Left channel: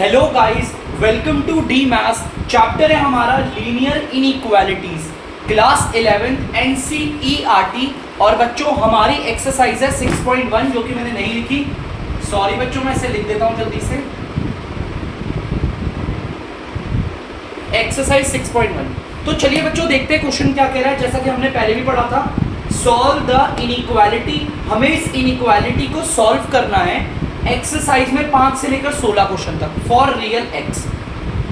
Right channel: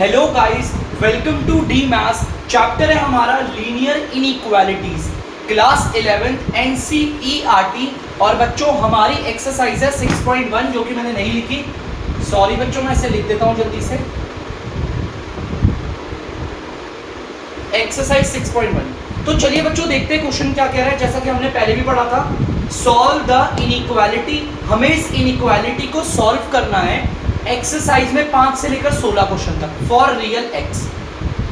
Hello guys, welcome to the maths. Chapter है हमारा linear inequalities, class 11 NCERT. और बच्चों हमारी एक्सरसाइज है 6.1 जो कि मैंने नहीं लिखी। सॉरी बच्चों, मैं इसे लिख देता हूं जल्दी से। एक्सरसाइज 6.1। तो चलिए बच्चों देखते हैं क्वेश्चन क्या कह रहा है। जैसा कि हमने पहले भी पढ़ा था, सॉल्व द इनइक्वालिटी। हमें इस इनइक्वालिटी को सॉल्व करना है एक्सरसाइज में 5 से लेकर 16 क्वेश्चन तक फॉर रियल एक्स।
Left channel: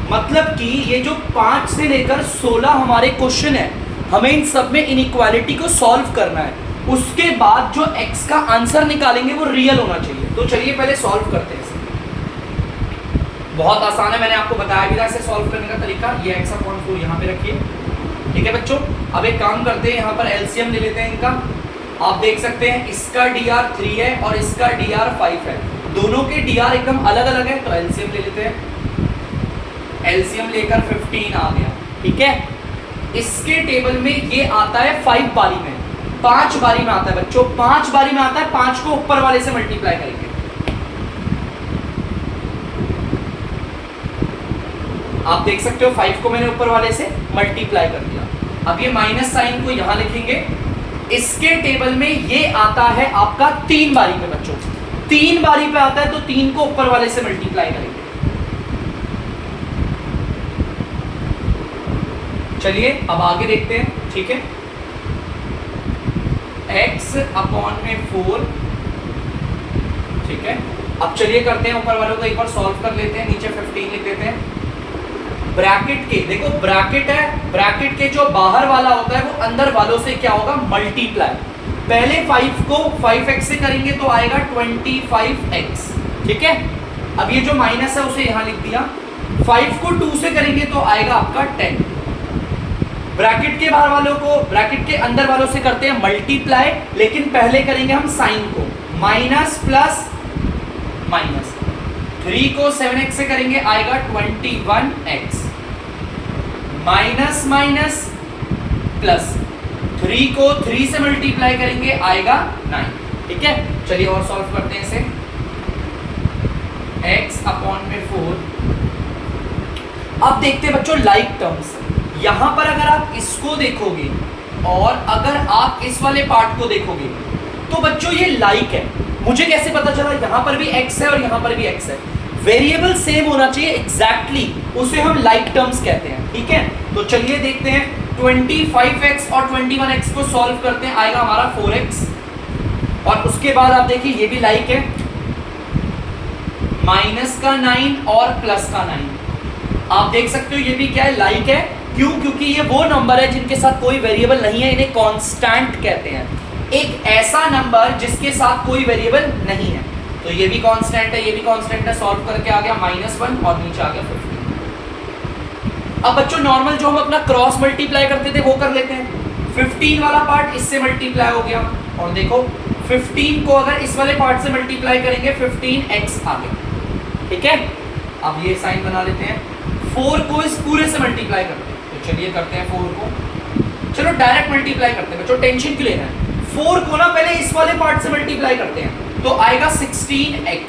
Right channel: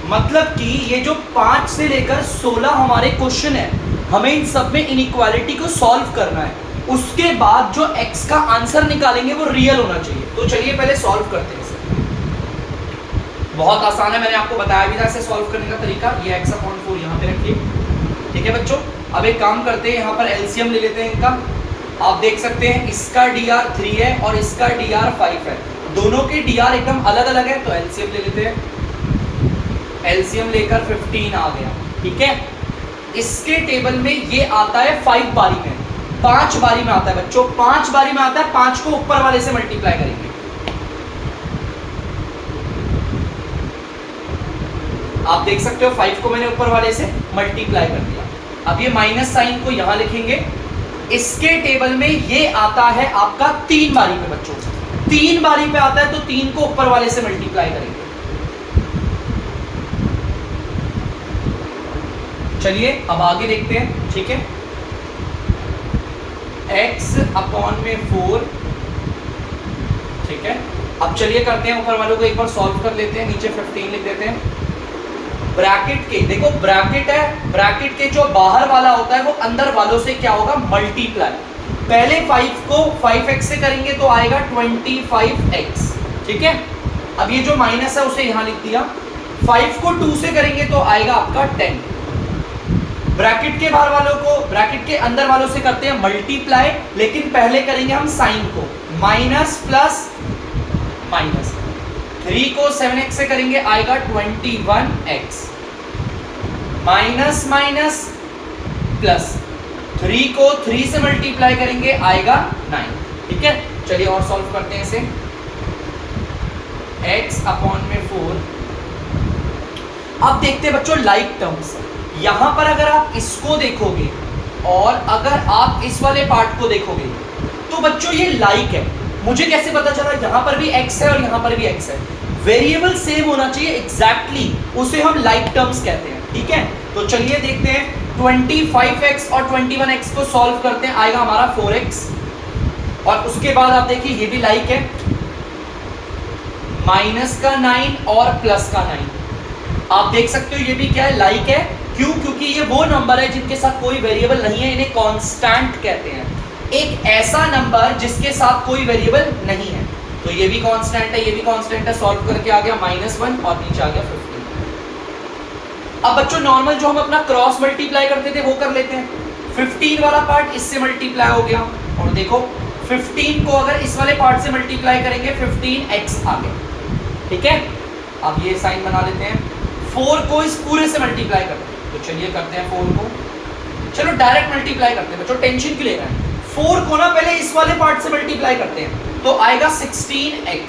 मतलब कि ये जो 5 से लेकर 16 हमारे क्वेश्चन है, हमें इन सब में इनइक्वालिटी को सॉल्व करना है। उसके बाद जो एक्स का आंसर निकालेंगे वो रियल होना चाहिए। तो चलिए पहले सॉल्व करते हैं इसे। बहुत आसान है, मैंने आपको बताया भी था इसे सॉल्व करने का तरीका। ये x/4 यहाँ पे रखिए, ठीक है बच्चों। अब एक काम करते हैं, यहाँ पर एलसीएम ले लेते हैं इनका। आप देख सकते हैं इसका dr 3 है और इसका dr 5 है। दोनों के dr एकदम अलग अलग है, तो एलसीएम ले लेते हैं। एलसीएम लेकर 15 आ गया, ठीक है। इसके टेबल में ये आता है 5 बारी में, 5 बारी में आता है बच्चों, 5 बारी में आता है। 5 को ऊपर वाले से मल्टीप्लाई करेंगे। आप देख सकते हो 5 को मैंने ऊपर वाले से मल्टीप्लाई कर दिया। अब ये माइनस साइन को यहां लिखेंगे। इसके टेबल में ये आता है आपका 3 बारी पे बच्चों, 3 बारी पे आता है, तो 3 को ऊपर वाले से मल्टीप्लाई करेंगे। चलिए अब आगे देखते हैं, ठीक है। x/4, ठीक है। अब चलिए करते हैं, ऊपर वालों को एक बार सॉल्व कर लेते हैं। नीचे 15 लिख देते हैं। ब्रैकेट के देखो, ब्रैकेट है, ब्रैकेट के जो बाहर वाला होता है वो अंदर वालों से क्या होगा, मल्टीप्लाई। पहले 5 को 5x से करेंगे तो आएगा 25x, ठीक है। अब ये जो माइनस है उसे यहां लिख दिया। 5 को 2 से करेंगे तो आएगा आपका 10। ब्रैकेट के बाहर वालों को ब्रैकेट के अंदर वालों से करते हैं मल्टीप्लाई, लेकिन पहले करेंगे हम साइन को, माइनस प्लस माइनस। 3 को 7x से करेंगे आएगा 21x, माइनस माइनस प्लस। 3 को 3 से मल्टीप्लाई करेंगे आएगा 9, ठीक है। चलिए और सॉल्व करते हैं इसे। x/4। अब देखते हैं बच्चों लाइक टर्म्स। यहां पर अगर आप इसको देखोगे और अगर आप इस वाले पार्ट को देखोगे तो बच्चों ये लाइक है। मुझे कैसे पता चला, यहां पर भी x है और यहां पर भी x है। वेरिएबल सेम होना चाहिए एग्जैक्टली, उसे हम लाइक टर्म्स कहते हैं, ठीक है। तो चलिए देखते हैं, 25x और 21x को सॉल्व करते हैं, आएगा हमारा 4x। और उसके बाद आप देखिए ये भी लाइक है, माइनस का 9 और प्लस का 9। आप देख सकते हो ये भी क्या है, लाइक है। क्यों? क्योंकि ये वो नंबर है जिनके साथ कोई वेरिएबल नहीं है, इन्हें कांस्टेंट कहते हैं। एक ऐसा नंबर जिसके साथ कोई वेरिएबल नहीं है, तो ये भी कांस्टेंट है, ये भी कांस्टेंट है। सॉल्व करके आ गया -1 और नीचे आ गया 15। अब बच्चों नॉर्मल जो हम अपना क्रॉस मल्टीप्लाई करते थे वो कर लेते हैं। 15 वाला पार्ट इससे मल्टीप्लाई हो गया, और देखो 15 को अगर इस वाले पार्ट से मल्टीप्लाई करेंगे 15x आ गया, ठीक है। अब ये साइन बना लेते हैं। 4 को इस पूरे से मल्टीप्लाई करते हैं, तो चलिए करते हैं 4 को। चलो डायरेक्ट मल्टीप्लाई करते हैं बच्चों, टेंशन क्यों ले रहे हैं। 4 को ना पहले इस वाले पार्ट से मल्टीप्लाई करते हैं, तो आएगा 16x।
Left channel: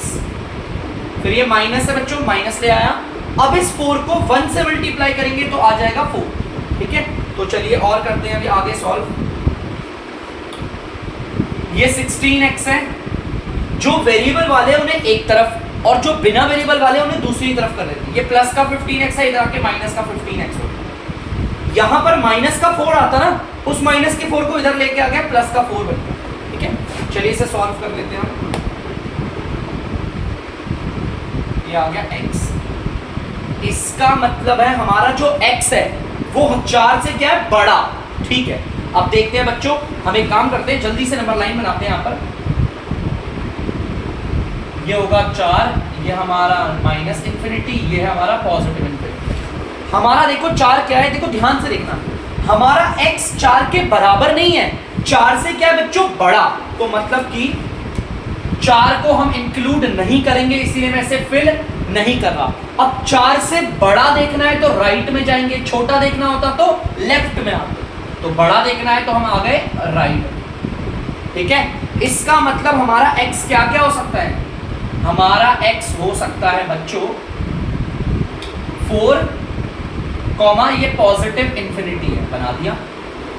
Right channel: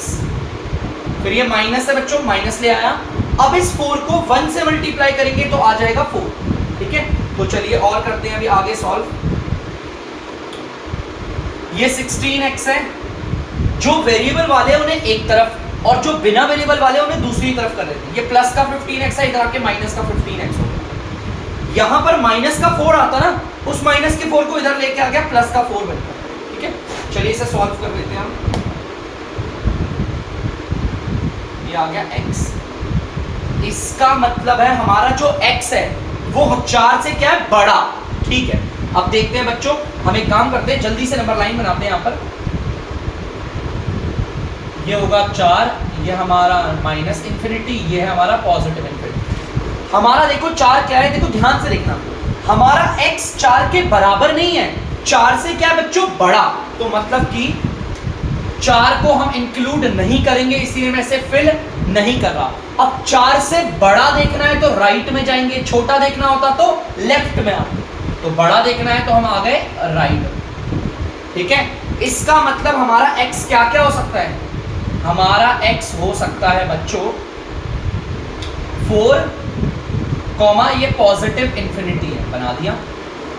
फिर ये माइनस है बच्चों, माइनस ले आया। अब इस 4 को 1 से मल्टीप्लाई करेंगे तो आ जाएगा 4, ठीक है। तो चलिए और करते हैं अभी आगे सॉल्व। ये 16x है। जो वेरिएबल वाले हैं उन्हें एक तरफ और जो बिना वेरिएबल वाले उन्हें दूसरी तरफ कर लेते हैं। ये प्लस का 15x है, इधर आके माइनस का 15x होगा। यहां पर माइनस का 4 आता ना, उस माइनस के 4 को इधर लेके आ गया, प्लस का 4 बनता है, ठीक है। चलिए इसे सॉल्व कर लेते हैं। ये आ गया x। इसका मतलब है हमारा जो x है वो 4 से क्या है, बड़ा, ठीक है। अब देखते हैं बच्चों, हम एक काम करते हैं, जल्दी से नंबर लाइन बनाते हैं। यहां पर ये होगा 4, ये हमारा -∞, ये है हमारा +∞। हमारा देखो 4 क्या है, देखो ध्यान से देखना, हमारा x 4 के बराबर नहीं है, 4 से क्या है बच्चों, बड़ा। तो मतलब कि 4 को हम इंक्लूड नहीं करेंगे, इसीलिए मैं इसे फिल नहीं कर रहा। अब 4 से बड़ा देखना है तो राइट में जाएंगे, छोटा देखना होता तो लेफ्ट में आते। तो बड़ा देखना है तो हम आ गए राइट, ठीक है। इसका मतलब हमारा x क्या क्या हो सकता है, हमारा x हो सकता है बच्चों 4 कॉमा ये पॉजिटिव इंफिनिटी है, बना दिया।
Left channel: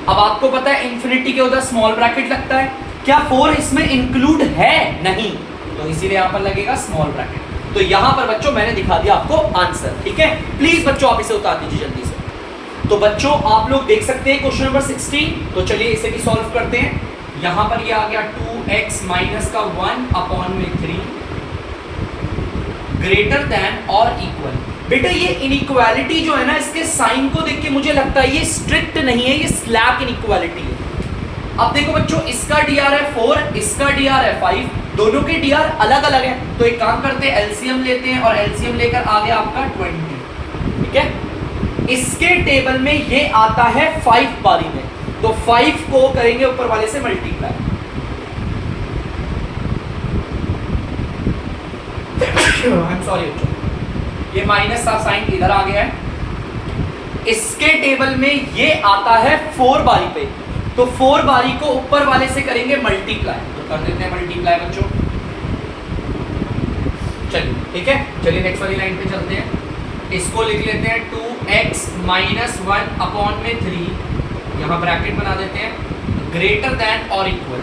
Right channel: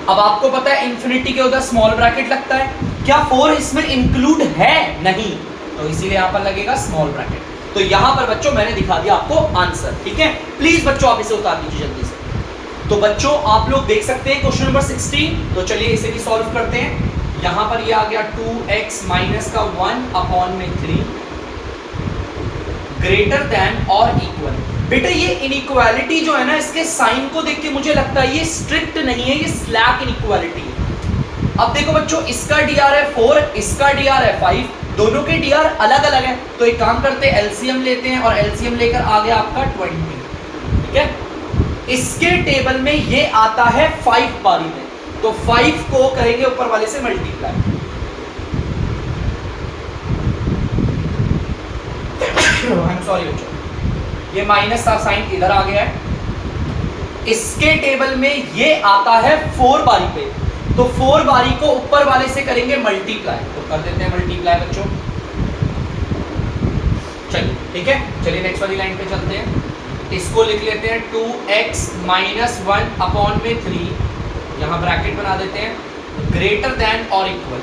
अब आपको पता है इंफिनिटी के उधर स्मॉल ब्रैकेट लगता है, क्या 4 इसमें इंक्लूड है? नहीं, तो इसीलिए यहां पर लगेगा स्मॉल ब्रैकेट। तो यहां पर बच्चों मैंने दिखा दिया आपको आंसर, ठीक है। प्लीज बच्चों आप इसे उतार दीजिए जल्दी से। तो बच्चों आप लोग देख सकते हैं क्वेश्चन नंबर 16, तो चलिए इसे भी सॉल्व करते हैं। यहां पर ये आ गया 2x माइनस का 1 अपॉन में 3 ग्रेटर देन और इक्वल। बेटा ये इनइक्वालिटी जो है ना, इसके साइन को देख के मुझे लगता है ये स्ट्रिक्ट नहीं है, ये स्लैक इनइक्वालिटी है। अब देखो बच्चों, इसका dr है 4, इसका dr है 5, दोनों के dr अलग अलग है। तो एक काम करते हैं, एलसीएम लेते हैं और एलसीएम लेकर आ गया आपका 20, ठीक है। इसके टेबल में ये आता है 5 बारी में, तो 5 को करेंगे ऊपर वाले से मल्टीप्लाई। सॉरी बच्चों, ये माइनस का साइन इधर आ गया है। इसके टेबल में ये आता है 4 बारी पे, तो 4 बारी को ऊपर वाले से करेंगे मल्टीप्लाई, तो कर देते हैं मल्टीप्लाई बच्चों। चलिए ठीक है, चलिए नेक्स्ट वाली लाइन पे चलते हैं। इसको लिख लेते हैं 2x माइनस 1 अपॉन में 3, यहाँ ब्रैकेट बना देते हैं, ग्रेटर देन और इक्वल।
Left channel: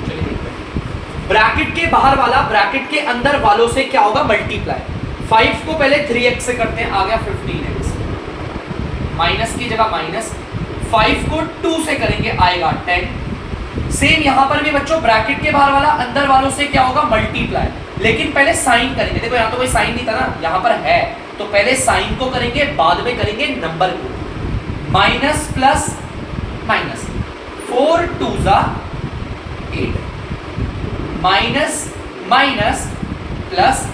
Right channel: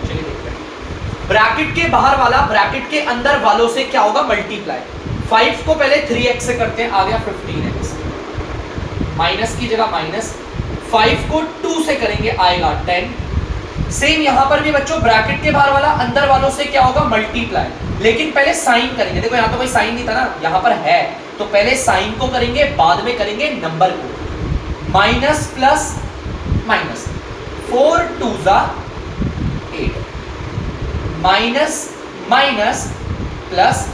चलिए देखते हैं, ब्रैकेट के बाहर वाला ब्रैकेट के अंदर वालों से क्या होगा? मल्टीप्लाई। 5 को पहले 3x से करते हैं, आ गया 15x, माइनस की जगह माइनस, 5 को 2 से करेंगे आएगा 10। सेम यहां पर भी बच्चों ब्रैकेट के बाहर वाला अंदर वालों से क्या होगा? मल्टीप्लाई। लेकिन पहले साइन करेंगे, देखो यहां तो कोई साइन नहीं था ना, यहां पर है, तो पहले साइन को करेंगे, बाद में करेंगे नंबर को। माइनस प्लस माइनस, 4 2 जा 8, माइनस माइनस प्लस,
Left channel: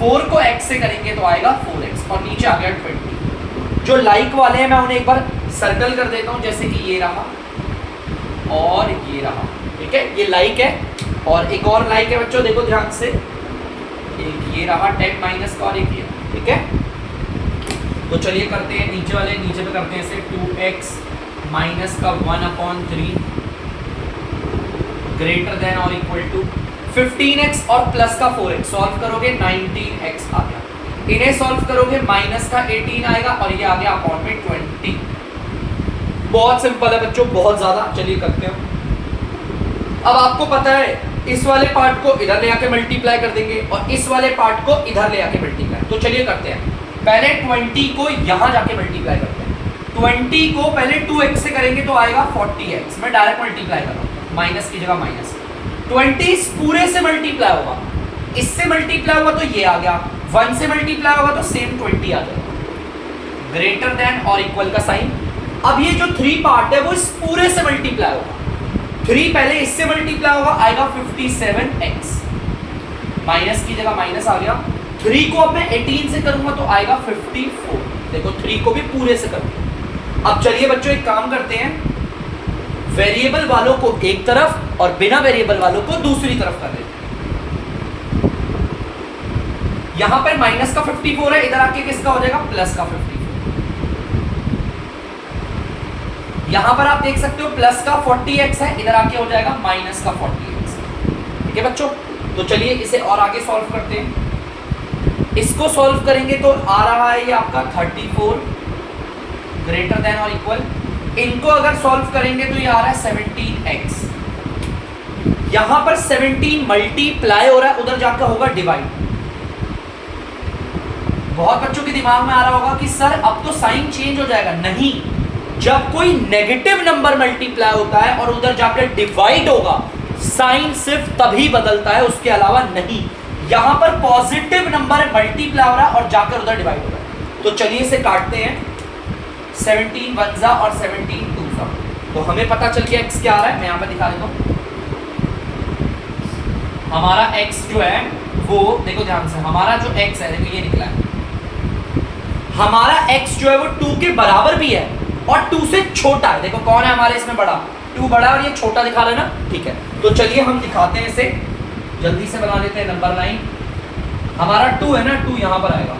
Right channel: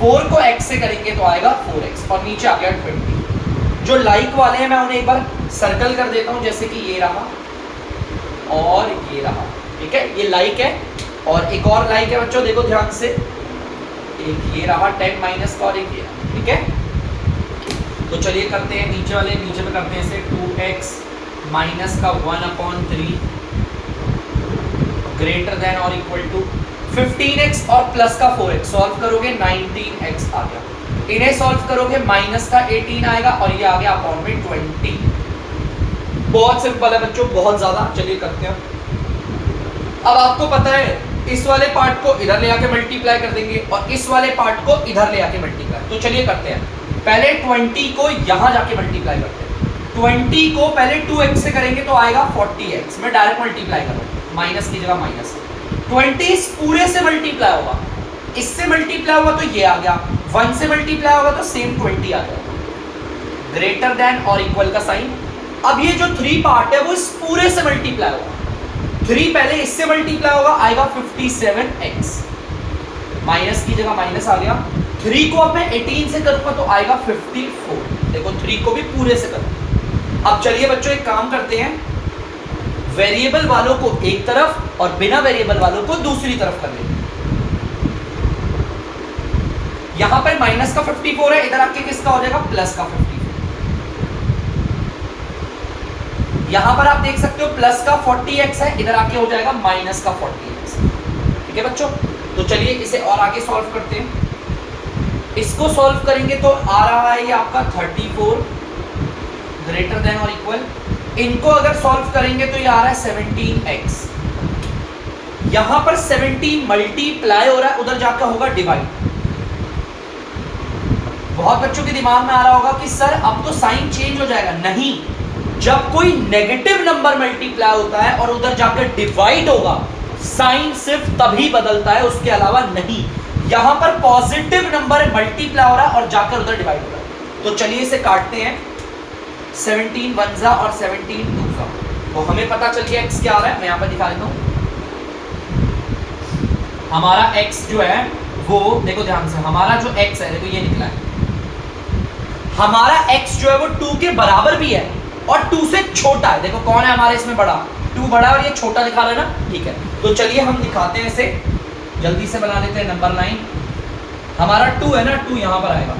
4 को x से करेंगे तो आएगा 4x, और नीचे आ गया 20। जो लाइक वाले हैं मैं उन्हें एक बार सर्कल कर देता हूं, जैसे कि ये रहा और ये रहा, ठीक है। ये लाइक है और एक और लाइक है बच्चों, देखो ध्यान से, एक ये रहा 10 माइनस का और एक ये, ठीक है। तो चलिए करते हैं नीचे वाले, नीचे में करते हैं इसे 2x माइनस का 1 अपॉन 3 ग्रेटर देन और इक्वल टू 15x और प्लस का 4x, सॉल्व करोगे 19x आ गया। इन्हें सॉल्व करोगे माइनस का 18 आएगा और ये आ गया अपॉन में 20। बहुत सिंपल है बच्चों, बहुत ज्यादा। चलिए करते हैं। अब आपको पता है इस वाले पार्ट को इधर ले आके मल्टीप्लाई कर देंगे और इस वाले पार्ट को इधर ले आके मल्टीप्लाई। तो चलिए करते हैं, पहले 20 को यहां जाके मल्टीप्लाई करते हैं। 20 को पहले 2x से करेंगे तो आएगा 40x, मैं डायरेक्ट मल्टीप्लाई कर रहा हूं, माइनस की जगह माइनस। 20 पूरे से मल्टीप्लाई होगा, इससे मल्टीप्लाई होगा तो ये आ गया, 1 से मल्टीप्लाई होगा तो सेम 20 आ गया, ग्रेटर देन और इक्वल का साइन। अब ये जो 3 पार्ट है वो इस पूरे से मल्टीप्लाई होगा, 3 पहले इससे मल्टीप्लाई होगा, आएगा 57x, माइनस की जगह माइनस आ गया। 3 को अब मैं 18 से करूंगा तो आएगा 54, देखो 3 को भी पूरे से करूंगा। अब चलिए बच्चों एक काम करते हैं, वेरिएबल वालों को एक तरफ और बिना वेरिएबल वालों को दूसरी तरफ कर लेते हैं। यहां पर माइनस का 54 है, इधर आके किसका हो जाएगा? प्लस का 54। यहां पर आप देख सकते हो प्लस का 40x है, इधर आके हो जाएगा माइनस का 40x, ठीक है बच्चों। तो चलिए इसे और आगे सॉल्व करते हैं। इसको सॉल्व करेंगे तो आ रहा है ये आपका 34 ग्रेटर देन और इक्वल। इनको अगर सॉल्व करेंगे तो ये आ रहा है 17x। यहां पर 17 मल्टीप्लाई हो रहा है, उधर जाकर होगा डिवाइड। बहुत बच्चों के दिमाग में आ रहा होगा कि सर अब तो साइन चेंज हो जाएगा। नहीं, जब कोई नेगेटिव नंबर मल्टीप्लाई होता है और उधर जाकर डिवाइड होगा, साइन सिर्फ तभी बदलता है, उसके अलावा नहीं। यहां पर पॉजिटिव नंबर मल्टीप्लाई हो रहा है और जाकर उधर डिवाइड हो रहा है। तो चलिए इसे काटते हैं, 17 1 जा और 17 2 जा। तो हमें पता चल गया x क्या आ रहा है, मैं यहां पर दिखा देता हूं। हमारा x जो है वो देखो ध्यान से, हमारा जो x है देखो ये निकला है, हमारा x जो है वो 2 के बराबर भी है और 2 से छोटा है। देखो कौन है हमारे इसमें बड़ा, 2 बड़ा और ये छोटा दिखा रहे हैं ना, ठीक है। तो चलिए हम दिखाते हैं इसे, जल्दी से बना लेते हैं। नंबर 9 हमारा 2 है ना, 2 यहाँ पर आएगा,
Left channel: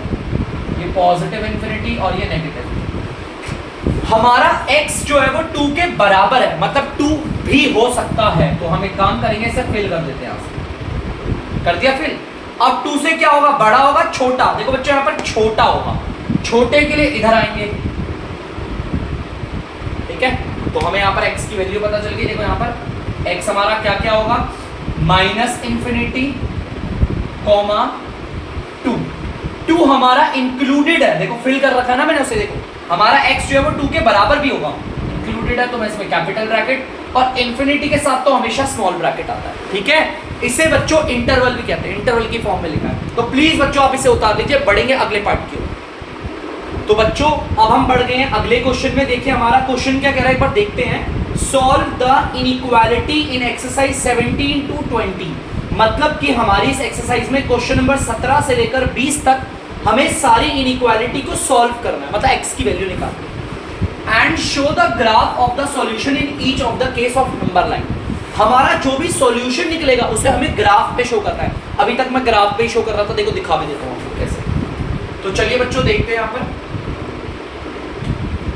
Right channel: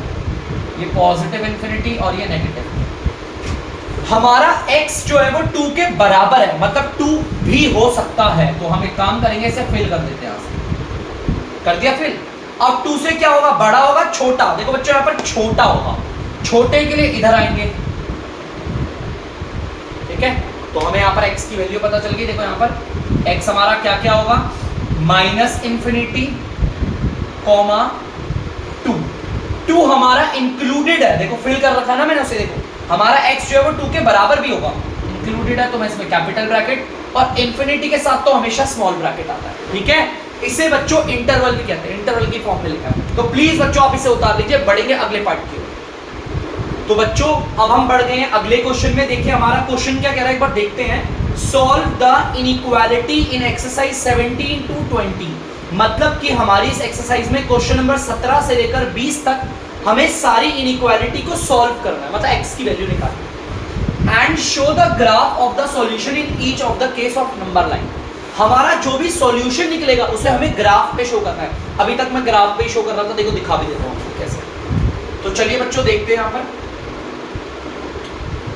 ये पॉजिटिव इन्फिनिटी और ये नेगेटिव। हमारा x जो है वो 2 के बराबर है, मतलब 2 भी हो सकता है। तो हम एक काम करेंगे, इसे फिल कर देते हैं, कर दिया फिल। अब 2 से क्या होगा, बड़ा होगा छोटा, देखो बच्चों यहां पर छोटा होगा, छोटे के लिए इधर आएंगे, ठीक है। तो हमें यहां पर x की वैल्यू पता चल गई, देखो यहां पर x हमारा क्या क्या होगा, -∞, 2 हमारा इंक्लूडेड है, देखो फिल कर रखा है ना मैंने उसे, देखो हमारा x जो है वो 2 के बराबर भी होगा, इंक्लूडेड है तो मैं इसमें कैपिटल ब्रैकेट, और इन्फिनिटी के साथ तो हमेशा स्मॉल ब्रैकेट आता है, ठीक है। इसे बच्चों इंटरवल भी कहते हैं, इंटरवल की फॉर्म में लिखा है, तो प्लीज बच्चों आप इसे उतार लीजिए, बढ़ेंगे अगले पार्ट की ओर। तो बच्चों अब हम बढ़ गए हैं अगले क्वेश्चन में, देखिए हमारा क्वेश्चन क्या कह रहा है, एक बार देखते हैं। Solve the inequality in exercise 17 to 20, मतलब कि हमारी इस एक्सरसाइज में क्वेश्चन नंबर 17 से लेकर 20 तक हमें सारी इनइक्वालिटी को सॉल्व करना है, मतलब x की वैल्यू निकालनी है। And show the graph of the solution in each of the case of number line, हमारा जो भी सॉल्यूशन निकलेगा उसे हमें ग्राफ पे शो करना है। अभी तक मैं ग्राफ पे ही शो कर रहा था, देखो दिखा भी देता हूं आपको कैसे। तो चलिए बच्चों देखते हैं, यहां पर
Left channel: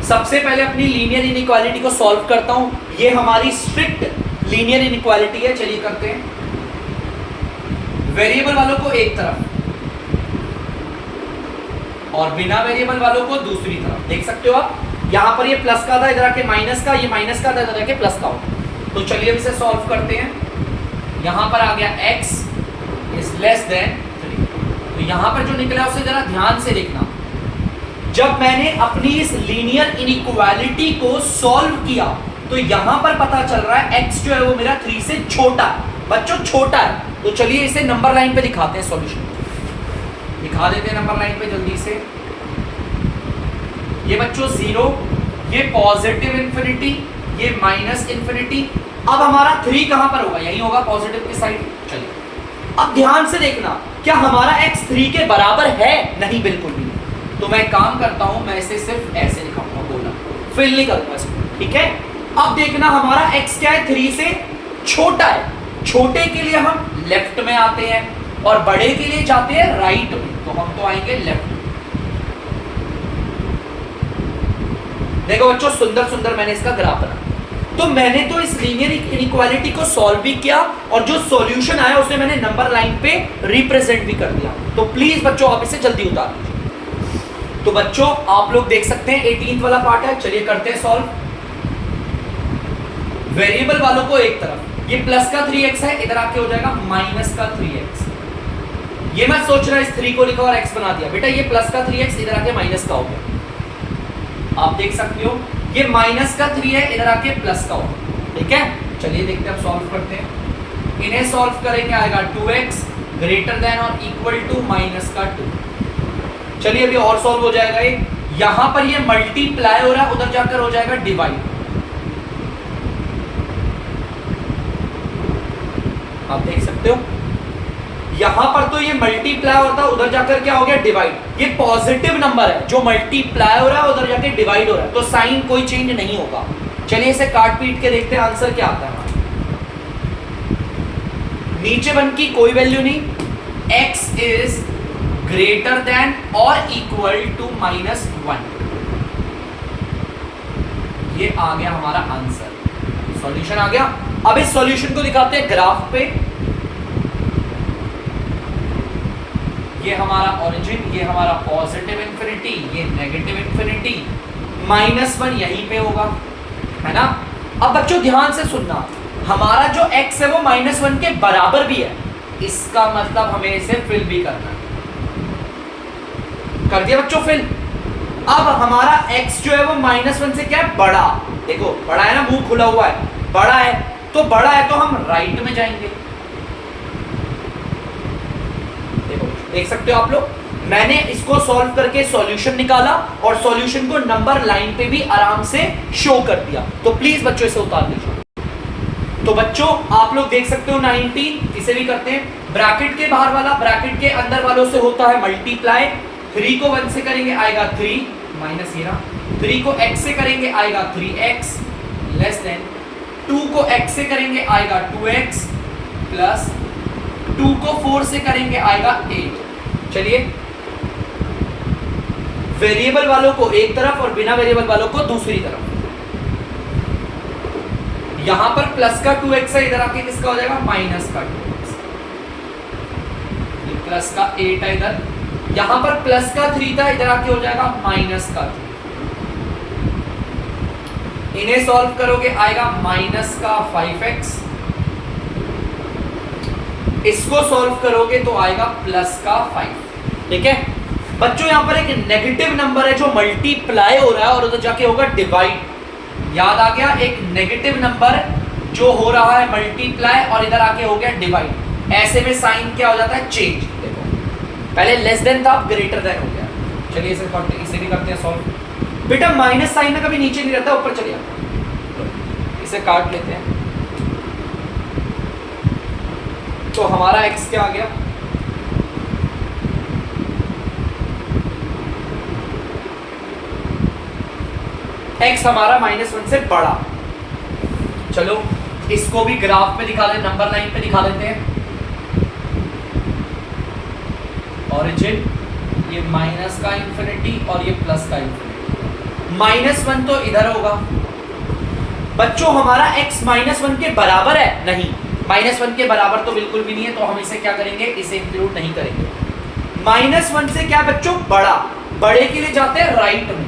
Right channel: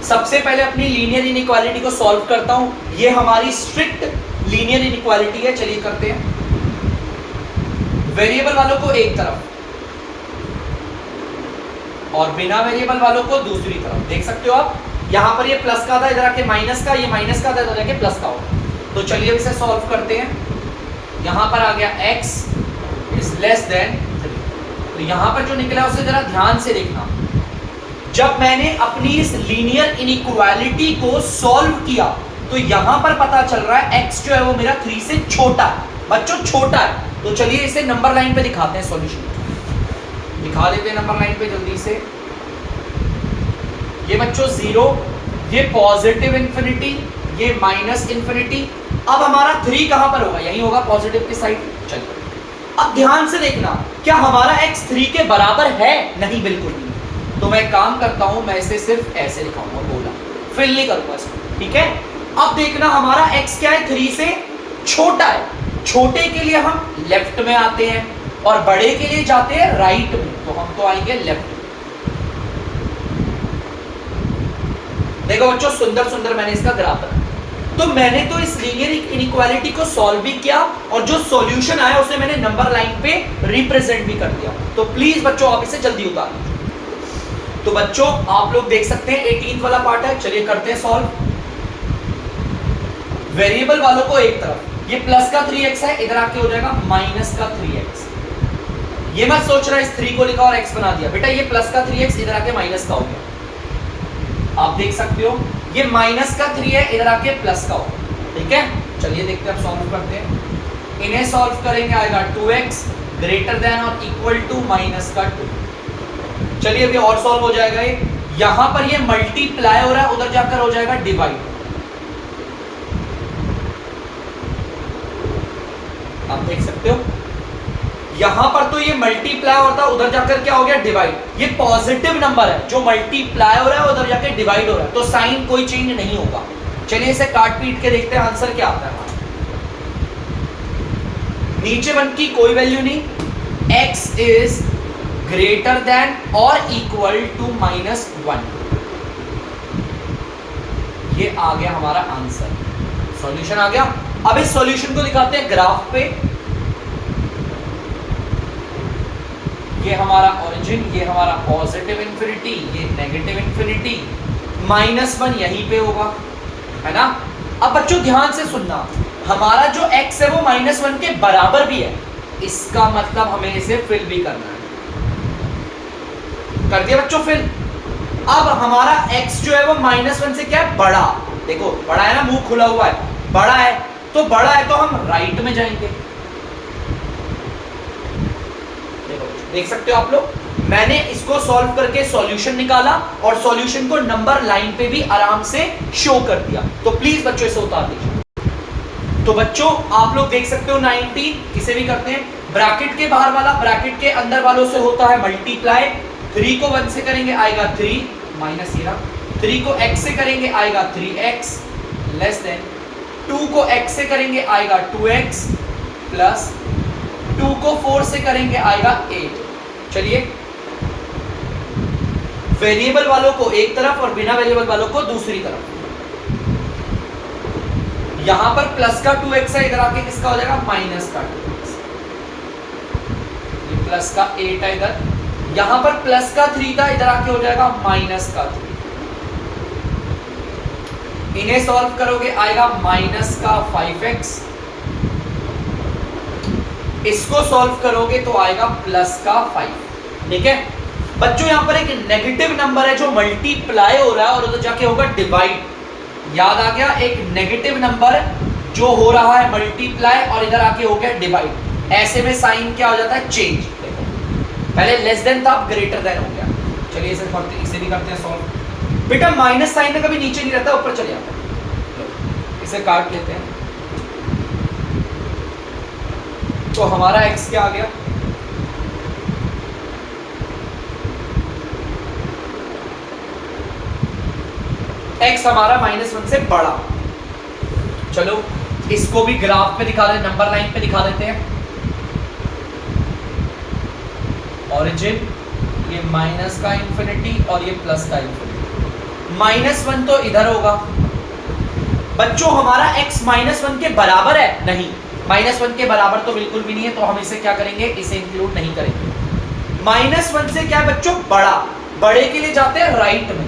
सबसे पहले अपनी लीनियर इनइक्वालिटी को सॉल्व करता हूं, ये हमारी स्ट्रिक्ट लीनियर इनइक्वालिटी है, चलिए करते हैं। वेरिएबल वालों को एक तरफ और बिना वेरिएबल वालों को दूसरी तरफ, देख सकते हो आप, यहां पर ये प्लस का था, इधर आके माइनस का, ये माइनस का था, इधर आके प्लस का हो। तो चलिए इसे सॉल्व करते हैं। यहां पर आ गया x इज लेस देन 3, तो यहां पर जो निकला उसे जरा ध्यान से देखना। जब मैंने अपनी इस लीनियर इनइक्वालिटी को सॉल्व किया तो यहां पर पता चल रहा है x जो है वो मेरा 3 से छोटा है, बच्चों छोटा है। तो चलिए इसे नंबर लाइन पे दिखाते हैं, सॉल्यूशन दिखा देते हैं नंबर लाइन पे जल्दी से। ये बच्चों 0, ये पॉजिटिव इंफिनिटी, ये -∞। अब हमारा 3 कहां पर होगा, यही होगा पॉजिटिव की साइड। चलिए अब ध्यान से देखना, क्या हमारा x 3 के बराबर है, नहीं बिल्कुल भी। तो मैं काम करता हूं, मैं इसे सिर्फ ऐसे लिखाऊंगा, बोला फिल नहीं करूंगा इसको, ठीक है। अब देखना हमारा x क्या है, 3 से छोटा है। छोटे के लिए हम लेफ्ट में आते हैं और बड़े के लिए जाते हैं राइट में, तो हम तो आएंगे लेफ्ट में। देखो बच्चों सुंदर सुंदर मैंने इसका ग्राफ रखा, तो मैंने तो इस लीनियर इनइक्वालिटी को सॉल्व भी किया और जो सॉल्यूशन आया उसे मैंने नंबर लाइन पे रिप्रेजेंट भी कर दिया। तो प्लीज बच्चों आप इसे जल्दी उतार दीजिए। तो बच्चों आप लोग देख सकते हैं 18th वाला पार्ट है, चलिए करते हैं सॉल्व। वेरिएबल वालों को एक तरफ, ये प्लस का 3x है, इधर आके हो जाएगा माइनस का 3x। ये मत सोच रहा इस 3 को लिखा और x बना दिया, बेटा ये प्लस का 3x इधर आके माइनस का हो गया, आप देख सकते हो। ये माइनस का 3 है, इधर आके प्लस का होगा, ठीक है। चलिए देखते हैं, अब सॉल्व करते हैं। इन्हें सॉल्व करेंगे, आएगा 2x ग्रेटर देन और इक्वल टू माइनस का 2। चलिए अभी और सॉल्व हो जाएगा ये। यहां पर ये मल्टीप्लाई हो रहा है, उधर जाकर हो जाएगा डिवाइड, आप देख सकते हो। यहां पर तो ये मल्टीप्लाई होता है, उधर जाकर क्या हो गया डिवाइड। ये पॉजिटिव नंबर है, जो मल्टीप्लाई हो रहा है उधर जाके डिवाइड हो रहा है, तो साइन कोई चेंज नहीं होगा। चलिए इसे काट पीट के देखते हैं आंसर क्या आता है। नीचे 1 की कोई वैल्यू नहीं, x इज ग्रेटर देन और इक्वल टू -1, ये आ गया हमारा आंसर, सॉल्यूशन आ गया। अब इस सॉल्यूशन को दिखाते हैं ग्राफ पे। ये हमारा ओरिजिन, ये हमारा पॉजिटिव इंफिनिटी, ये नेगेटिव इंफिनिटी, -1 यहीं पे होगा, है ना। अब बच्चों ध्यान से सुनना, हमारा जो x है वो -1 के बराबर भी है, इसका मतलब हमें इसे फिल भी करना है। कर दिया बच्चों फिल। अब हमारा x जो है वो -1 से क्या है, बड़ा, देखो बड़ा है ना, मुंह खुला हुआ है, बड़ा है तो हम राइट में जाएंगे। देख सकते हो आप लोग, मैंने इसको सॉल्व करके सॉल्यूशन निकाला और सॉल्यूशन को नंबर लाइन पे भी आराम से शो कर दिया। तो प्लीज बच्चों इसे उतार दीजिए। तो बच्चों आप लोग देख सकते हो 19 किसे भी करते हैं, ब्रैकेट के बाहर वाला ब्रैकेट के अंदर वालों से होता है मल्टीप्लाई। 3 को 1 से करेंगे आएगा 3 माइनस, ये 3 को x से करेंगे आएगा 3x लेस देन, 2 को x से करेंगे आएगा 2x प्लस 2 को 4 से करेंगे आएगा 8। चलिए वेरिएबल वालों को एक तरफ और बिना वेरिएबल वालों को दूसरी तरफ। यहां पर प्लस का 2x है, इधर आके किसका हो जाएगा, माइनस का 2x। प्लस का 8 है इधर, यहां पर प्लस का 3 था, इधर आके हो जाएगा माइनस का 2। इन्हें सॉल्व करोगे आएगा माइनस का 5x, इसको सॉल्व करोगे तो आएगा प्लस का 5। ठीक है बच्चों, यहां पर एक नेगेटिव नंबर है जो मल्टीप्लाई हो रहा है और उधर जाके होगा डिवाइड। याद आ गया, एक नेगेटिव नंबर जो हो रहा है मल्टीप्लाई और इधर आके हो गया डिवाइड। ऐसे में साइन क्या हो जाता है, चेंज। देखो पहले लेस देन था, अब ग्रेटर देन हो गया। चलिए इसे भी करते हैं सॉल्व। बेटा माइनस साइन में कभी नीचे नहीं रहता, ऊपर चले जाता है। इसे काट लेते हैं तो हमारा x क्या आ गया, x हमारा -1 से बड़ा। चलो इसको भी ग्राफ पे दिखा दें, नंबर लाइन पे दिखा देते हैं। ऑरिजिन ये माइनस का इंफिनिटी और ये प्लस का इंफिनिटी। -1 तो इधर होगा। बच्चों हमारा x -1 के बराबर है, नहीं -1 के बराबर तो बिल्कुल भी नहीं है, तो हम इसे क्या करेंगे, इसे इंक्लूड नहीं करेंगे। -1 से क्या है बच्चों, बड़ा। बड़े के लिए जाते हैं राइट में।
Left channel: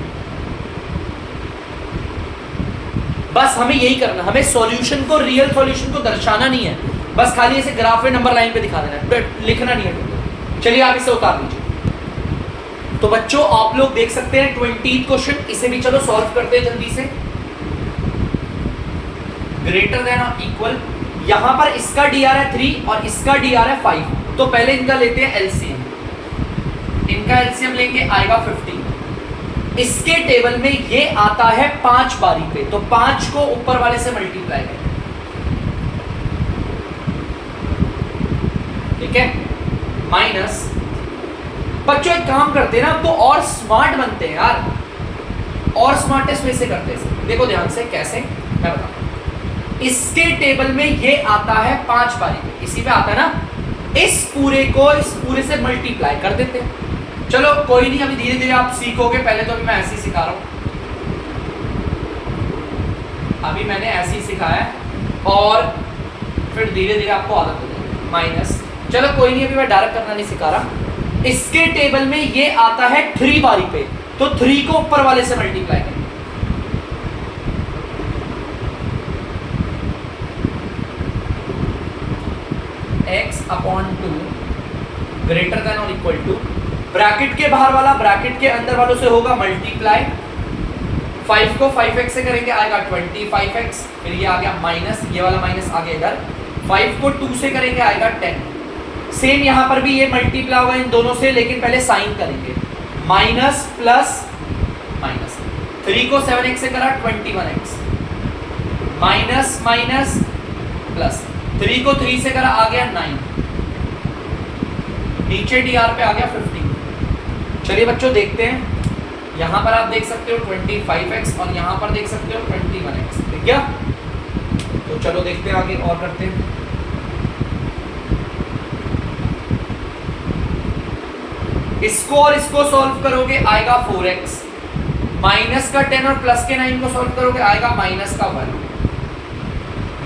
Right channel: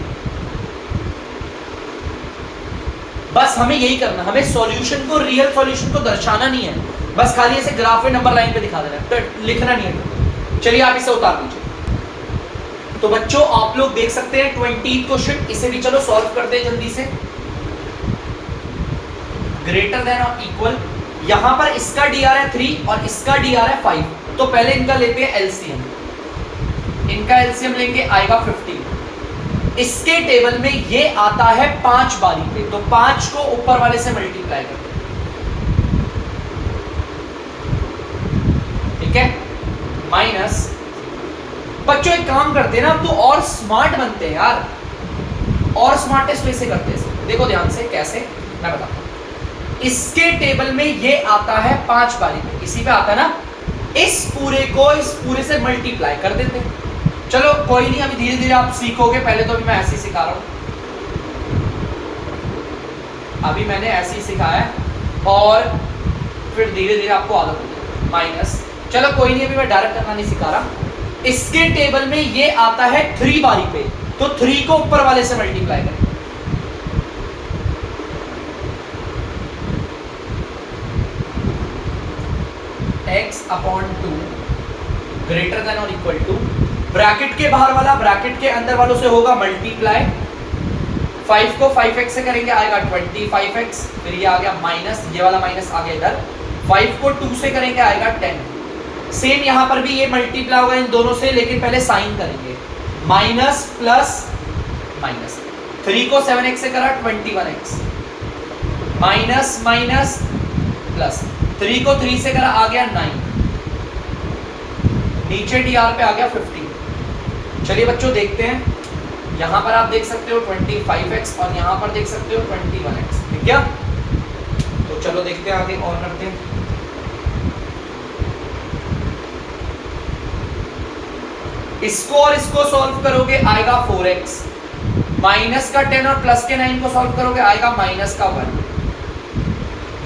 बस हमें यही करना, हमें सॉल्यूशन को, रियल सॉल्यूशन को दर्शाना नहीं है, बस खाली ऐसे ग्राफ में नंबर लाइन पे दिखा देना है, लिखना नहीं है। चलिए आप इसे उतार दीजिए। तो बच्चों आप लोग देख सकते हैं 20th क्वेश्चन, इसे भी चलो सॉल्व करते हैं जल्दी से। ग्रेटर देन और इक्वल, यहां पर इसका dr है 3 और इसका dr है 5, तो पहले इनका लेते हैं एलसीएम। इनका एलसीएम लेंगे आएगा 15। इसके टेबल में ये आता है 5 बारी पे, तो 5 को ऊपर वाले से मल्टीप्लाई करें। ठीक है माइनस, बच्चों एक काम करते हैं ना, अब तो और स्मार्ट बनते हैं यार, और स्मार्टेस्ट वैसे करते हैं। देखो ध्यान से कैसे, मैं बताता हूं। इसके टेबल में ये आता है 5 बारी पे, इसी पे आता है ना, इस पूरे को इस पूरे से मल्टीप्लाई कर देते हैं। चलो कोई नहीं, अभी धीरे धीरे आप सीखोगे, पहले तो अभी मैं ऐसे ही सिखा रहा हूं, अभी मैंने ऐसे ही सिखाया है और फिर धीरे धीरे आपको आदत हो जाएगी। माइनस, चलो कोई नहीं, अभी मैं डायरेक्ट करना नहीं सिखा रहा। इसके टेबल में ये आता है 3 बारी पे, तो 3 को ऊपर वाले से मल्टीप्लाई करें। x/2 ग्रेटर देन और इक्वल टू, ब्रैकेट के बाहर वाला ब्रैकेट के अंदर वालों से होगा मल्टीप्लाई। 5 को 5x से करेंगे आएगा 25x, फिर ये आ गया माइनस, ये वाला माइनस आ गया इधर। 5 को 2 से करेंगे आएगा 10। सेम यहां पर भी ये मल्टीप्लाई होगा इन दोनों से, लेकिन पहले साइन करेंगे, माइनस प्लस माइनस। 3 को 7x से करा 21x, माइनस माइनस प्लस। 3 को 3 से करा आ गया 9, नीचे dr पे आ गया 15। चलिए बच्चों देखते हैं, यहां पर आप देख सकते हो 25x और यहां पर देख सकते हो 21x, ठीक है। तो चलो देखते हैं आगे और करते हैं। इसको और इसको सॉल्व करोगे आएगा 4x, माइनस का 10 और प्लस के 9 को सॉल्व करोगे आएगा माइनस का 1।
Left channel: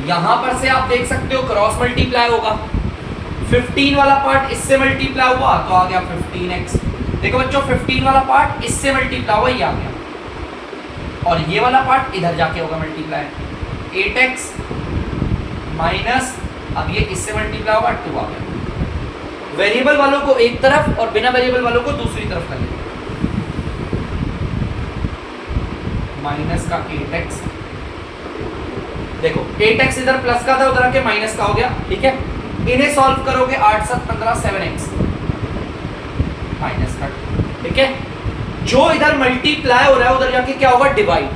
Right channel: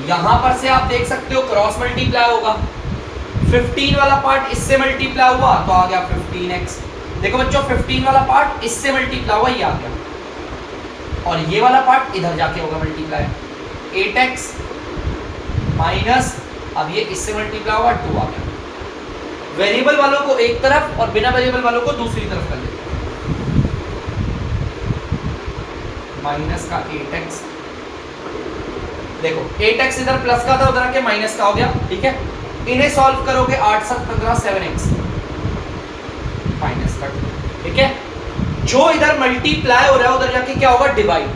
यहां पर से आप देख सकते हो क्रॉस मल्टीप्लाई होगा, 15 वाला पार्ट इससे मल्टीप्लाई हुआ तो आ गया 15x। देखो बच्चों 15 वाला पार्ट इससे मल्टीप्लाई हुआ, ये आ गया, और ये वाला पार्ट इधर जाके होगा मल्टीप्लाई, 8x माइनस, अब ये इससे मल्टीप्लाई हुआ 2 आ गया। वेरिएबल वालों को एक तरफ और बिना वेरिएबल वालों को दूसरी तरफ कर लेते हैं, माइनस का 8x। देखो 8x इधर प्लस का था, उधर आके माइनस का हो गया, ठीक है। इन्हें सॉल्व करोगे 8 7 15 7x माइनस का, ठीक है। जो इधर मल्टीप्लाई हो रहा है उधर जाके क्या होगा, डिवाइड।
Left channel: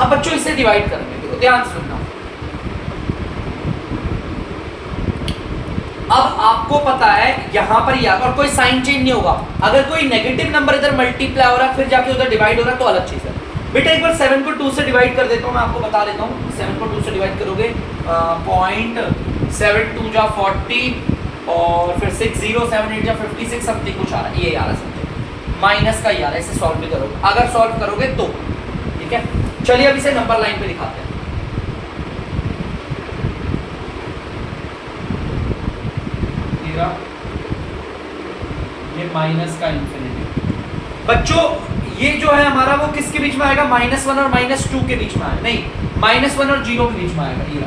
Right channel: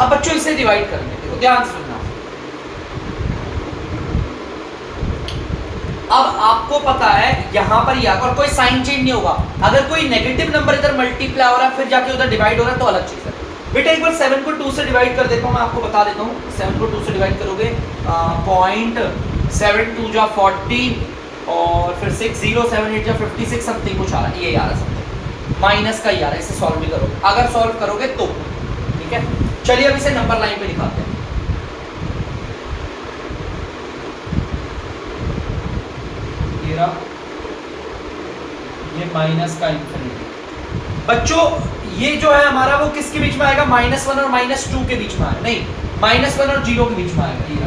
अब बच्चों इसे डिवाइड करेंगे, देखो ध्यान से सुनना। अब आपको पता है यहां पर या और कोई साइन चेंज नहीं होगा। अगर कोई नेगेटिव नंबर इधर मल्टीप्लाई हो रहा है फिर जाके उधर डिवाइड हो रहा है तो अलग चीज है। बेटा एक बार 7 को 2 से डिवाइड कर देता हूं, मैं आपको बता देता हूं। 7 को 2 से डिवाइड करोगे 0.72 जा 40 और फिर 6078 जा 56 समथिंग कुछ आ रहा है, ये आ रहा है माइनस का ही आ रहा है। इसे सॉल्व भी करोगे, अगर सॉल्व करोगे तो, ठीक है। चलिए अब इसे नंबर लाइन पे दिखाते हैं। जाएगा ये माइनस का इंफिनिटी। बच्चों ये जो है हमारा वो किसके बीच में आएगा, -1 और -2 के बीच में आएगा, नहीं -1 और 0 के बीच में आएगा, ये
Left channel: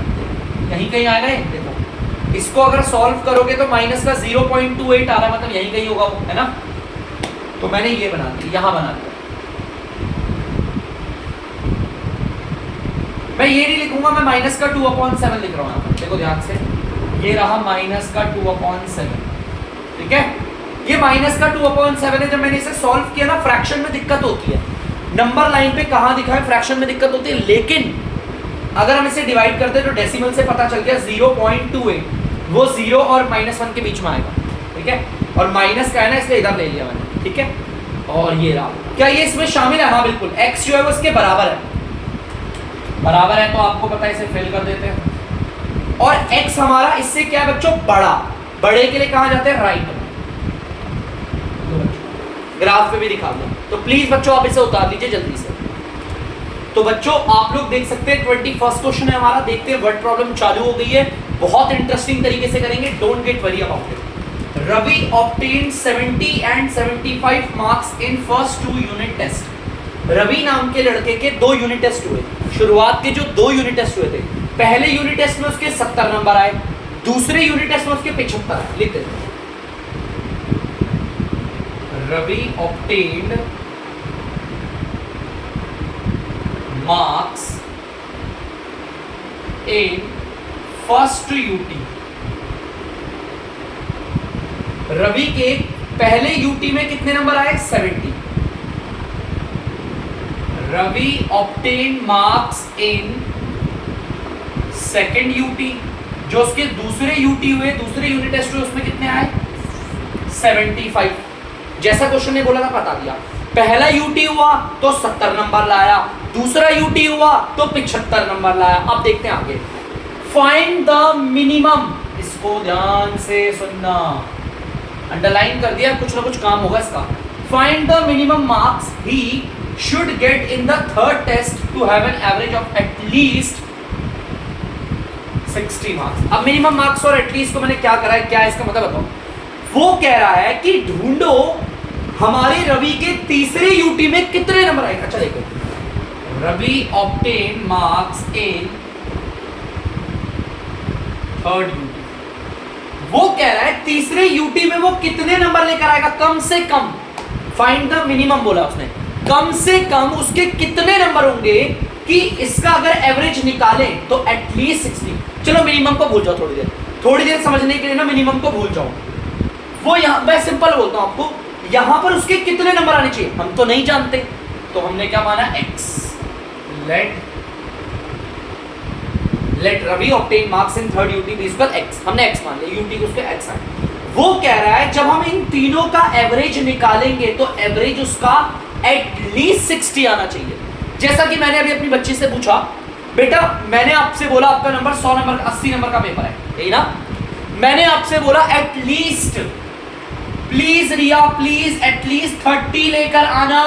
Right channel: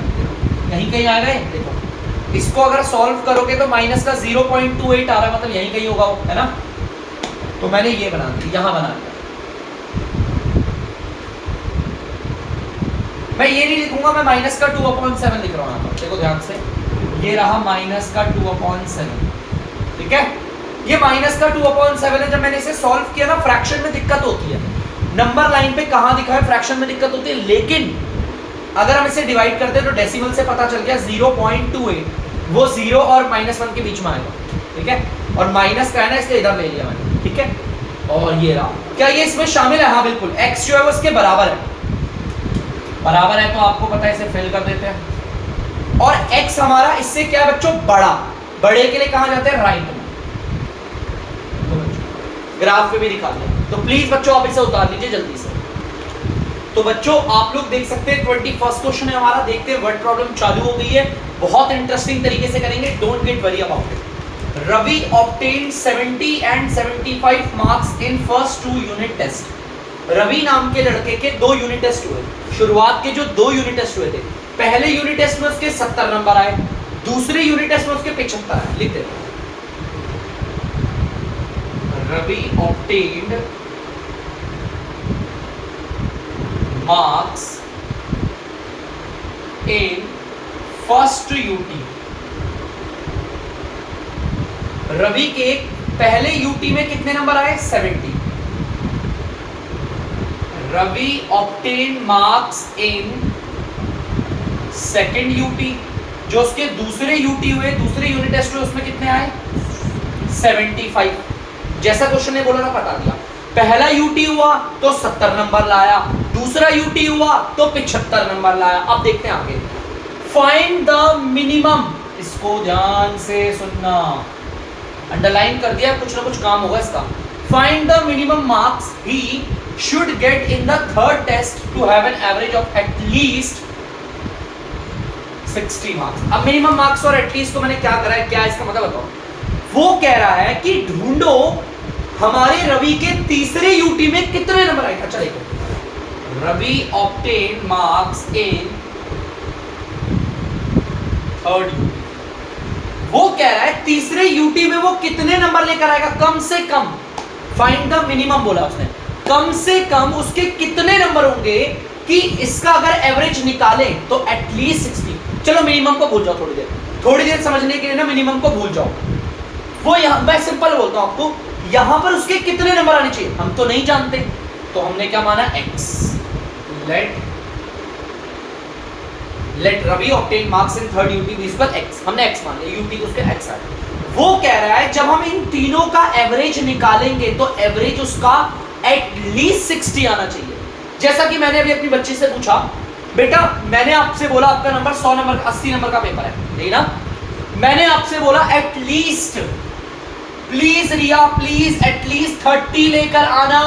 यहीं कहीं आएगा ये देखो। इसको अगर सॉल्व करोगे तो माइनस का 0.28 आ रहा है, मतलब यहीं कहीं होगा वो, है ना। तो मैंने ये बना दिया, यहाँ बना दिया। मैं ये नहीं लिखूंगा, मैं माइनस का 2/7 लिख रहा हूँ यहाँ पर, देखो ध्यान से, ये रहा माइनस का 2/7, ठीक है। ये माइनस का 2/7 है। जब मैंने इसे सॉल्व किया ना, फ्रैक्शन में दिक्कत होती है, नंबर लाइन पे कहाँ दिखा है, फ्रैक्शन में दिक्कत होती है, लेकिन अगर हम इसे डिवाइड करते हैं तो डेसिमल से पता चल गया 0.28, वो 0 और -1 के बीच में आएगा, ठीक है। और माइनस का है ना, इसलिए इधर ले लिया मैंने, ठीक है। और ये रहा, क्या ये इसमें शामिल है, हाँ बिल्कुल। x जो है वो इसके बराबर है, बराबर है तो आपको पता है, इसे फिल कर देते हैं। और x हमारा इससे क्या है बच्चों, बड़ा, बड़े के लिए कहाँ जाते हैं, राइट में। ग्राफ पे भी दिखा दिया, तो प्लीज बच्चों आप इसे उतार लीजिए जल्दी से। तो बच्चों आप लोग देख सकते हैं 21st क्वेश्चन है हमारा, देखते हैं वर्ड प्रॉब्लम चालू हो गई है, बहुत इंटरेस्टिंग तरीके से करेंगे, don't get worry about it. Ravi obtained 70 and 75 marks in first 2 unit test। Ravi नाम के लड़के के 2 यूनिट टेस्ट हुए, शुरुआत के जो 2 यूनिट टेस्ट हुए थे, पहले यूनिट टेस्ट में उसके 70 नंबर आए, दूसरे यूनिट टेस्ट में उसके 75 आए। लिख देते हैं, Ravi obtained marks in first UT। Ravi के पहले यूटी में कितने नंबर आए, 70। Ravi obtained marks in second UT, जो उसके दूसरे यूटी हुए, दूसरे यूनिट टेस्ट हुए, उसमें कितने आए, 75। जैसा क्वेश्चन ने बोला था बता दिया, पहला यूटी हुआ तो 70 नंबर लाया, दूसरा यूटी हुआ तो 75 नंबर लाया। अब देखते हैं आगे, फाइंड द मिनिमम, इसको ध्यान से सुनना, अंडरलाइन कर दिया, कुछ ना कुछ काम होगा इसका। Find the minimum marks he should get in the third test to have an average of at least 60 marks. अब मिनिमम मार्क्स और एटलीस्ट को मैंने क्या करा है, क्या है इसका मतलब बताओ। वो कह रहा है कि ढूंढो हमारे रवि के तीसरे यूटी में कितने नंबर आए। अच्छा देखो, Ravi obtained marks in third UT, वो कह रहा है तीसरे यूटी में वो कितने नंबर लेकर आएगा, कम से कम। फाइंड द मिनिमम बोला उसने, कम से कम उसके कितने नंबर होंगे कि इसका अगर एवरेज निकाले तो एटलीस्ट 60। चलो मिनिमम को भूल जाओ, थोड़ी देर समझने के लिए ना मिनिमम को भूल जाओ। वो यहाँ मैं सिंपल बोलता हूँ आपको, यहाँ पर उसके कितने नंबर आने चाहिए हम तो नहीं जानते, तो हमने क्या माना, x। Let Ravi obtain marks in third UT is equal x, हमने x मान लिया, UT को उसके x आए। वो कह रहा है जब हम इन तीनों का एवरेज निकालेंगे तो एवरेज उसका एटलीस्ट 60 आना चाहिए। जैसा कि मैंने अभी अपनी बच्ची से पूछा, बेटा मैंने आपसे बोला आपका नंबर 100 नंबर 80 नंबर का पेपर है, यही ना, मैंने आपसे बोला at least, please Riya please at least 30 लेकर आना।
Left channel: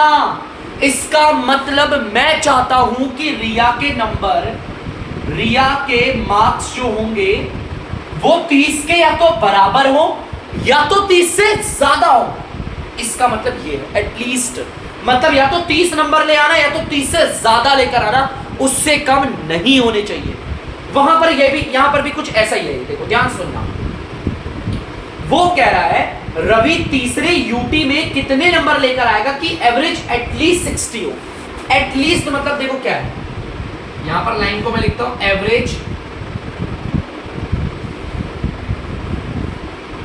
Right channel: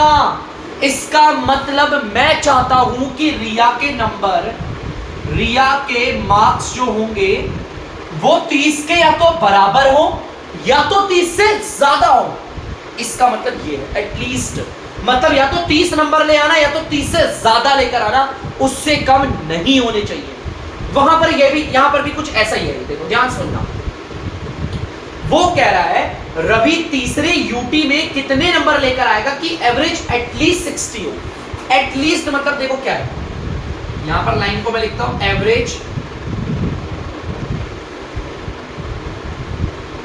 इसका मतलब मैं चाहता हूं कि रिया के नंबर, रिया के मार्क्स जो होंगे वो 30 के या तो बराबर हो या तो 30 से ज्यादा हो। इसका मतलब ये है एटलीस्ट, मतलब या तो 30 नंबर ले आना या तो 30 से ज्यादा लेकर आना, उससे कम नहीं होने चाहिए। वहां पर ये भी, यहां पर भी कुछ ऐसा ही है, देखो ध्यान सुनना। वो कह रहा है रवि तीसरे यूटी में कितने नंबर लेकर आएगा कि एवरेज एटलीस्ट 60 हो। एटलीस्ट मतलब देखो क्या है, यहां पर लाइन को मैं लिखता हूं, एवरेज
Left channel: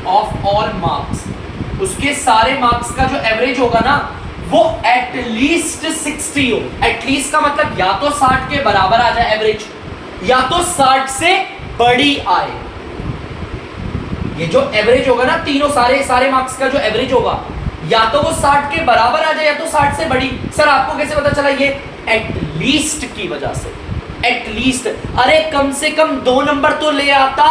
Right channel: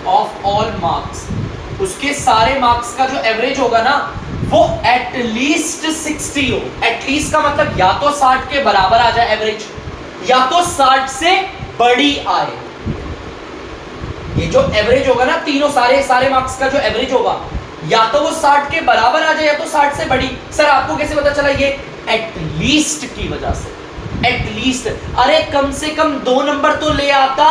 ऑफ ऑल मार्क्स, उसके सारे मार्क्स का जो एवरेज होगा ना वो एटलीस्ट 60 हो। एटलीस्ट का मतलब या तो 60 के बराबर आ जाए एवरेज, या तो 60 से बड़ी आए। ये जो एवरेज होगा ना, तीनों सारे मार्क्स का जो एवरेज होगा, या तो वो 60 के बराबर आ जाए या तो 60 से बड़ी। सर आपको कैसे पता चला? ये एटलीस्ट की वजह से। एटलीस्ट, अरे कम से कम 2 नंबर तो ले आता।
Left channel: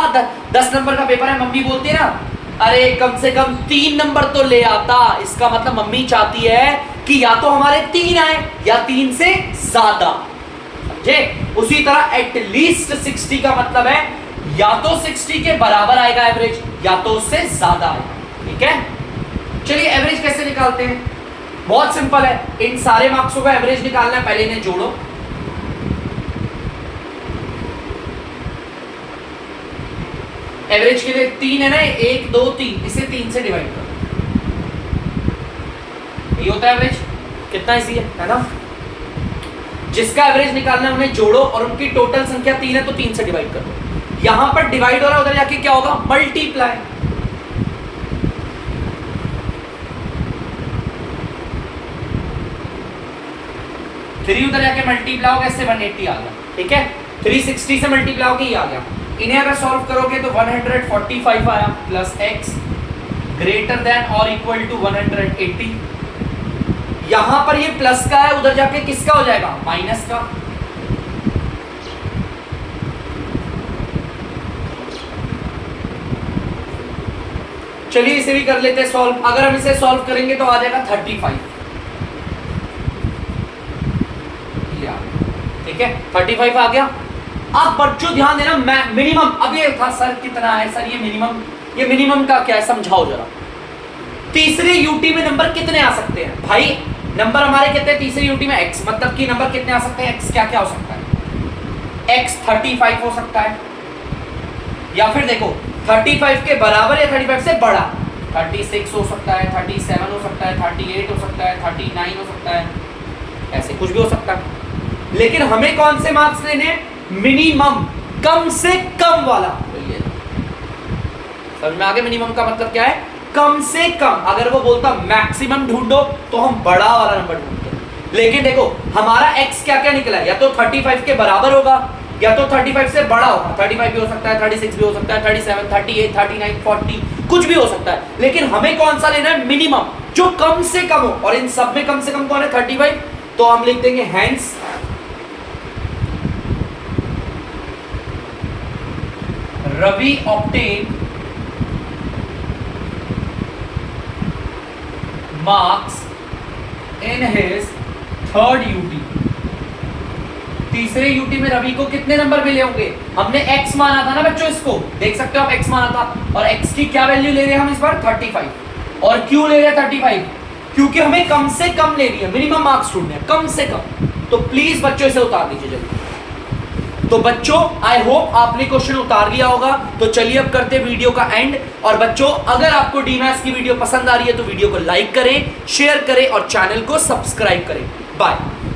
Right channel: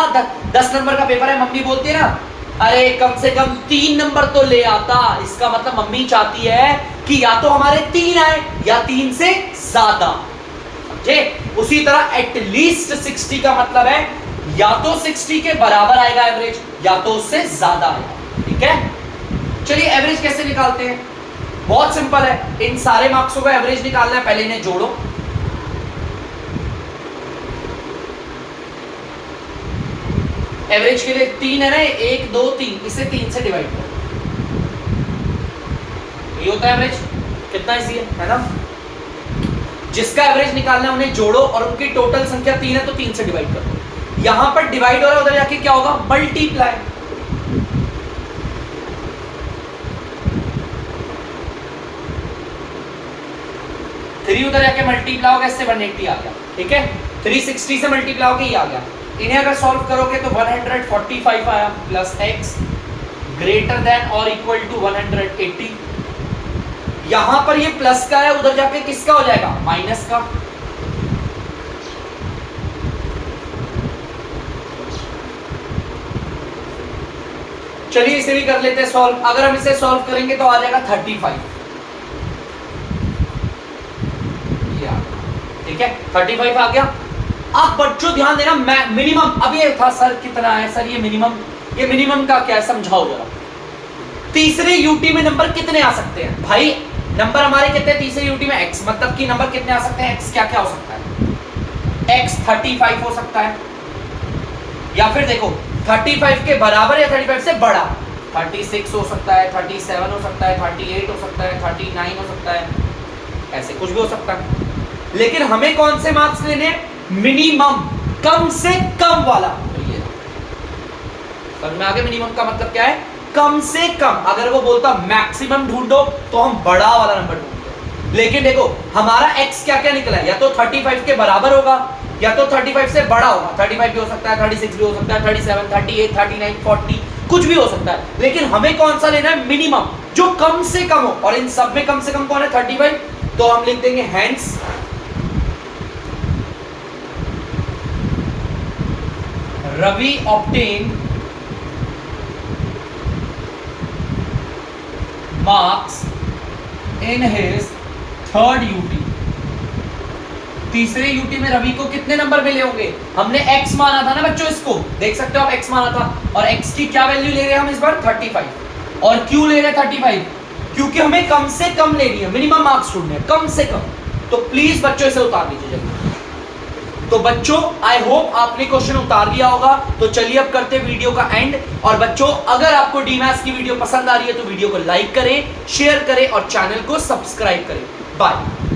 10 नंबर का पेपर है, मम्मी बोलती है ना, अरे कम से कम 3 नंबर तो ले आता। इसका मतलब मम्मी चाहती है कि या तो हमारे 3 आए या 3 से ज्यादा। उसी तरह एटलीस्ट 60 का मतलब है या तो 60 के बराबर आएगा एवरेज, या तो उससे ज्यादा आएगा। ठीक है, चलिए एवरेज कैसे निकालते हैं? बहुत सिंपल है, इन सारे मार्क्सों का एवरेज निकालना है। पहले इन्हें जोड़ो, एवरेज के लिए 3 है ना, 1 2 3, इसे 3 से डिवाइड करो, ये होता है एवरेज। कितना इजी है ना? जिसका एवरेज निकालना है उन्हें जोड़ो और उनकी टोटल संख्या 3 है तो 3 से डिवाइड करो। यहां पर डिवाइड हो रहा है, उधर जाके क्या होगा? मल्टीप्लाई। थ्री उधर जाके मल्टीप्लाई होगा, इससे 180 आ गया। ठीक है, 360 से मल्टीप्लाई होके ये आ गया। इन्हें अगर सॉल्व करोगे तो 145 आया प्लस x ग्रेटर देन और इक्वल टू 180। यहां पर ये प्लस का है, उधर जाके किसका हो जाएगा? माइनस का। चलिए इसे भी कर लेते हैं सॉल्व। अगर हम इसे सॉल्व करेंगे तो आ जाएगा 35। ठीक है, 35 आ गया। अब बच्चों ध्यान देना, मिनिमम, अब ये था सर कितना है सर, ये मिनिमम का क्या है समझाओ जरा। तीसरे यूटी में नंबर कितने आ सकते हैं भाई? नंबर हमारे कितने तीसरे यूटी में? x, मतलब कि नंबर कितने आ सकते हैं? x क्या क्या हो सकता है? x 35 हो सकता है, या फिर देखो 35 के बराबर या 35 से बड़ा, 36 हो सकता है, 37 हो सकता है, 38 हो सकता है, 39 हो सकता है, ऐसे कुछ भी हो सकता है। लेकिन हमें कौन से मार्क्स लेने? मिनिमम, कम से कम वाला। समझ में आगे मिनिमम का मतलब क्या है? कम से कम। अगर वो बोलता मैक्सिमम ढूंढो तो हम बड़ा वाला नंबर ढूंढते। लेकिन देखो हमारा x क्या क्या निकला है, या तो 35 के बराबर होगा या तो 35 से बड़ा होगा। 35 भी हो सकता है, 36 भी हो सकता है, 37, 38, 39, 40 कुछ भी हो सकता है। लेकिन हमें कौन सा लेना है? मिनिमम, जो कम से कम हो। और इन सब में कम से कम कौन है? 35। तो हम लिख देंगे hence Ravi obtained marks in his third UT। तीसरे यूटी में रवि को कितने नंबर मिले होंगे? हमने x माना था ना बच्चों, इसको देख सकते हो आप, x माना था। और x की क्या वैल्यू ले रहे हैं हम इस बार? 35। और क्यों ले रहे हैं 35? क्योंकि हमें कम से कम लेनी है, मिनिमम मार्क्स ढूंढने हैं, कम से कम। तो प्लीज बच्चों इसे उतार लीजिए जल्दी। तो बच्चों आई होप आपने क्वेश्चन उतार लिया होगा। तो चलिए अब करते हैं वीडियो का एंड। और बच्चों अगर आपको डीमैथ्स की वीडियो पसंद आ रही है तो वीडियो को लाइक करें, शेयर करें और चैनल को सब्सक्राइब करें। बाय।